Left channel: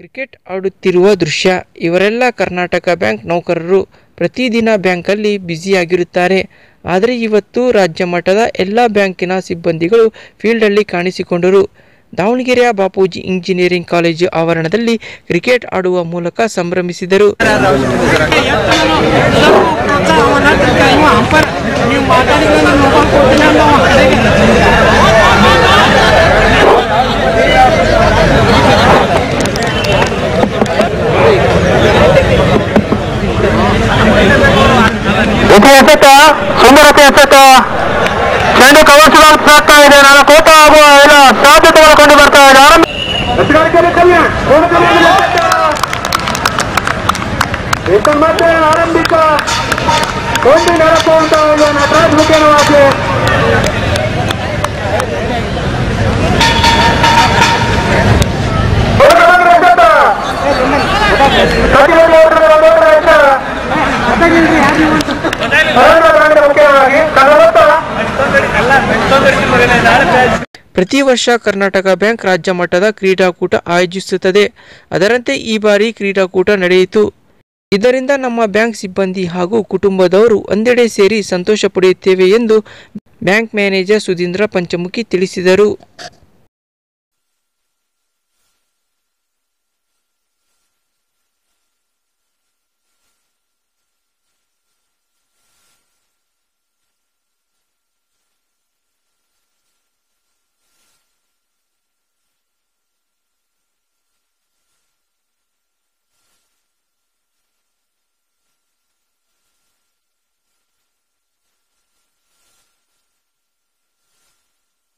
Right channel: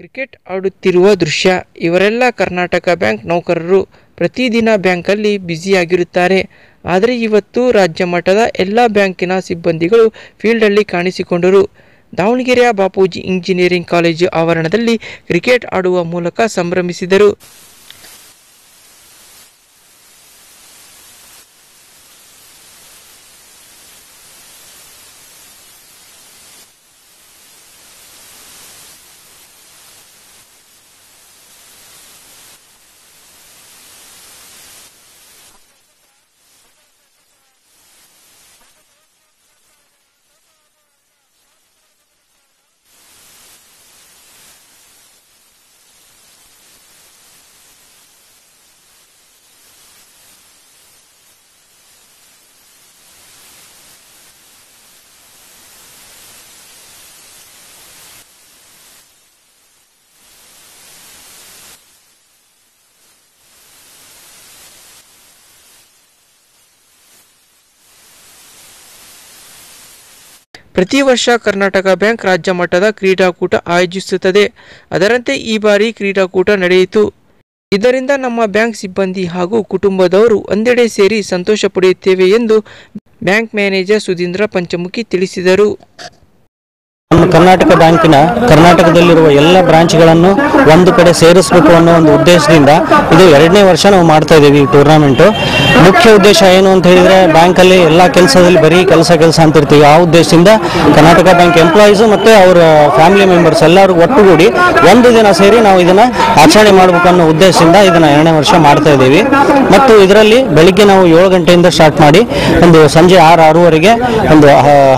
Cricket ಆಡುತ್ತಿರುವ ದೃಶ್ಯ. ಇವರೆಲ್ಲ ಕರ್ನಾಟಕ ಬ್ಯಾಂಕ್ ನೌಕರರು. ಪ್ರತಿದಿನ ಬ್ಯಾಂಕಲ್ಲಿ ಬ್ಯುಸಿಯಾಗಿರುತ್ತಾರೆ. ಆದರೆ ಇವತ್ತು ರಾಜ್ಯ ಮಟ್ಟದ ಎಲ್ಲ ಬ್ಯಾಂಕಿನ ಸಿಬ್ಬಂದಿಗಳು ಫೀಲ್ಡಲ್ಲಿ ಕಾಣಿಸಿಕೊಂಡರು. ದಾವಣಗೆರೆಯ ಬಾಪೂಜಿ ಇಂಜಿನಿಯರಿಂಗ್ ಕಾಲೇಜು ಆವರಣದಲ್ಲಿ ಕ್ರಿಕೆಟ್ ಆಡುವ ಮೂಲಕ ಸಂಭ್ರಮಿಸಿದರು. ಸುಂದರತೆ ಎಸೆತ ಚೆಂಡು ಕವರ್ಸ್ಗಳು ಸಾಕ್ತಾ ಇದೆ. ನಾನು ಕೋಟ ಆಗುವ ಎಲ್ಲ ಸಾಧ್ಯತೆಗಳು ಕಂಡು ಬರ್ತಾ ಇದೆ. ಆರಂಭಿಕ ಕೊಂಡಿ ನೆರಪುವಂತ ಇದೆ ನಟರಾಜ್ ಮುಖ್ಯವಾಗಿ ಪ್ರತಿ ವರ್ಷ ಕರ್ನಾಟಕ ಬ್ಯಾಂಕ್ ರಾಜ್ಯ ಮಟ್ಟದ ಕ್ರೀಡಾಕೂಟ ಆಯೋಜಿಸುತ್ತದೆ. ಅದರಂತೆ ಈ ಬಾರಿ ಕ್ರೀಡಾಕೂಟ ನಡೆಯಿತು. ಇದರಿಂದ ನಮ್ಮ ಬ್ಯಾಂಕ್ ಸಿಬ್ಬಂದಿ ಹಾಗೂ ಕುಟುಂಬದವರು ಒಂದೆಡೆ ಸೇರಿ ಸಂತೋಷ ಪಡೆಯುತ್ತೇವೆ ಎಂದು ಬ್ಯಾಂಕ್ ಮ್ಯಾನೇಜರ್ ಸುಧೀಂದ್ರ ಪಂಚಮುಖಿ ತಿಳಿಸಿದರು. ನಮ್ಮ ಕರ್ನಾಟಕ ಬ್ಯಾಂಕಿನ ಕರ್ನಾಟಕದಲ್ಲಿರುವ ಎಲ್ಲ ಬ್ರಾಂಚ್ಗಳನ್ನು ಒಂದು ಕಡೆ ಸೇರಿಸಬೇಕು ಅನ್ನೋ ಒಂದು ಉದ್ದೇಶದಿಂದ ಇದು 2ನೇ ವರ್ಷ ನಾವು ಮಾಡ್ತಾ ಇದ್ದೀವಿ ಈ ಟೂರ್ನಮೆಂಟು. ಮುಖ್ಯ ಉದ್ದೇಶ ಏನು ಅಂತ ಹೇಳಿದರೆ, ಬ್ಯಾಂಕಲ್ಲಿ ಎಲ್ಲ ಕೆಲಸದಲ್ಲಿ ಬರೀ ಕೆಲಸ ಅಂತಿರ್ತೀವಿ. ಆ ಉದ್ದೇಶದಿಂದ ಕರ್ನಾಟಕ ಬ್ಯಾಂಕ್ ಎಂಪ್ಲಾಯೀಸು ಮತ್ತು ಅವರ ಫ್ಯಾಮಿಲಿ ಮೆಂಬರ್ಸ್ ಎಲ್ಲರೂ ಒಟ್ಟುಗೂಡಿ ಒಂದು ದಿನ ಸೇರಿ ನಾವು ಇದನ್ನು ಆಚರಣೆ ಮಾಡಬೇಕು ಅನ್ನೋ ಉದ್ದೇಶದಿಂದ ಇದನ್ನು 2ನೇ ವರ್ಷ ಮಾಡ್ತಾ ಇದ್ದೀವಿ. ಮತ್ತು ಇದರಲ್ಲಿ ಬೆಳಿಗ್ಗೆ ನಾವು 7 ಗಂಟೆಯಿಂದ ಸ್ಟಾರ್ಟ್ ಮಾಡಿ ಒಂದು ಸಂಜೆ 6-6ವರೆಗೆ ಒಂದು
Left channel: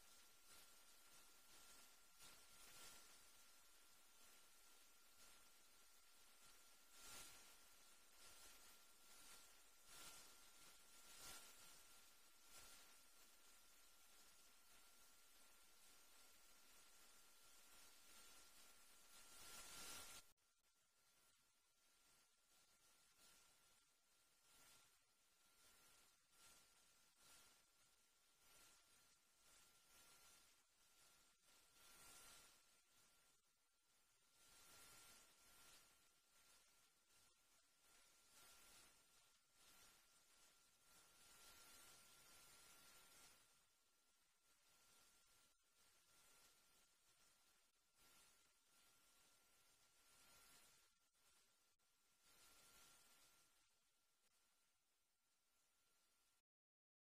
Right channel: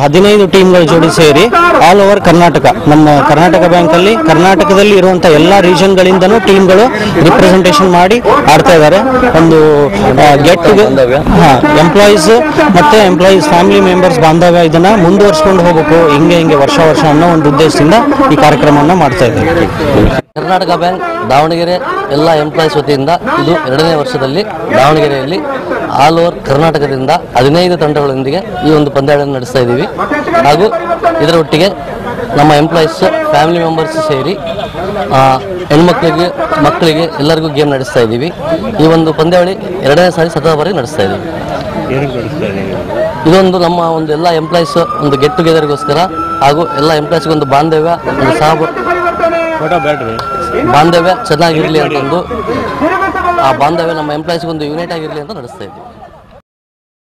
15 ಟೀಮ್ಗಳ ಜೋಡಿ ಸೇರಿ ಆಲ್ ಓವರ್ ಕರ್ನಾಟಕ, ನಮ್ಮ ಕರ್ನಾಟಕ ಬ್ಯಾಂಕಲ್ಲಿ ಕರ್ನಾಟಕದಲ್ಲಿ ಇರುವಂಥ ಎಲ್ಲ ರೀಜನ್ಗಳಿಂದನೂ ಟೀಮ್ಗಳು ರಿಪ್ರೆಸೆಂಟೇಷನ್ ಮಾಡಿ ಆಡ್ತಾ ಇದ್ದಾರೆ. ಒಂದು ಗೆಟ್ ಎಂಪ್ಲಾಯೀಸ್ ಮತ್ತು ಎಂಪ್ಲಾಯೀಸ್ ಫ್ಯಾಮಿಲಿ ಮೆಂಬರ್ಸ್ ಬಾಂಧವ್ಯ ಇದನ್ನು ಮುಂದುವರ್ಸ್ಕೊಂಡು ಹೋಗಬೇಕು, ಹಿಂಗೆ ವರ್ಷ ಅನ್ನೋ ಒಂದು ಉದ್ದೇಶದಿಂದ ಈ ಕಾರ್ಯಕ್ರಮವನ್ನು ಮಾಡ್ತಾ ಇದ್ದೇವೆ. ಕರ್ನಾಟಕ ಬ್ಯಾಂಕ್ ದಾವಣಗೆರೆ ಎಲ್ಲ ಎಂಪ್ಲಾಯೀಸ್ ವತಿಯಿಂದ ಇದು 2ನೇ ವರ್ಷದಲ್ಲಿ ದಾವಣಗೆರೆಯಲ್ಲಿ ಆಲ್ ಓವರ್ ಕರ್ನಾಟಕದಿಂದ 15 ತಂಡಗಳೊಂದಿಗೆ ಈ ಒಂದು ಪಂದ್ಯಾವಳಿಯನ್ನು ನಡೆಸ್ತಾ ಇದ್ದೀವಿ. ಹಾಗೂ ಇದರ ಒಟ್ಟಿಗೆ ನಮ್ಮ ಎಂಪ್ಲಾಯೀಸ್ ಫ್ಯಾಮಿಲಿ ಮೆಂಬರ್ಸ್ ಸೇರಿ ಹೆಣ್ಮಕ್ಳಿಗೆ ಮಕ್ಕಳಿಗೆ ಎಲ್ಲರಿಗೂ ಗೇಮ್ ನಡೆಸ್ತಾ ಇದ್ದೀವಿ. ಈ ಒಂದು ಪಂದ್ಯಾವಳಿ 2ನೇ ಸಾರಿ ಸತತ ಬಾರಿ ನಡೆಸ್ತಾ ಇದ್ದೀವಿ. ಇದೊಂದು ನಮ್ಮ ಒಂದು ಎಲ್ಲ ಎಂಪ್ಲಾಯೀಸ್ ಒಂದು ಗೆಟ್ ಟುಗೆದರ್ಗೋಸ್ಕರ ಹಾಗೂ ಎಲ್ಲ ಎಂಪ್ಲಾಯೀಸ್ಗೆ ಒಂದು ಬಾಂಧವ್ಯ, ಒಂದು ಬಾಂಧವ್ಯ ಚೆನ್ನಾಗಿರಲಿ ಅಂತ ಒಂದು ಆ ಬಾಂಧವ್ಯ ನಮ್ಮ ಎಂಪ್ಲಾಯೀಸ್ಗೆ ಒಂದು ಯುನೈಟ್ ಆಗಿರಲಿ ಅಂತ ನಡೆಸ್ತಾ ಇದ್ದೀವಿ.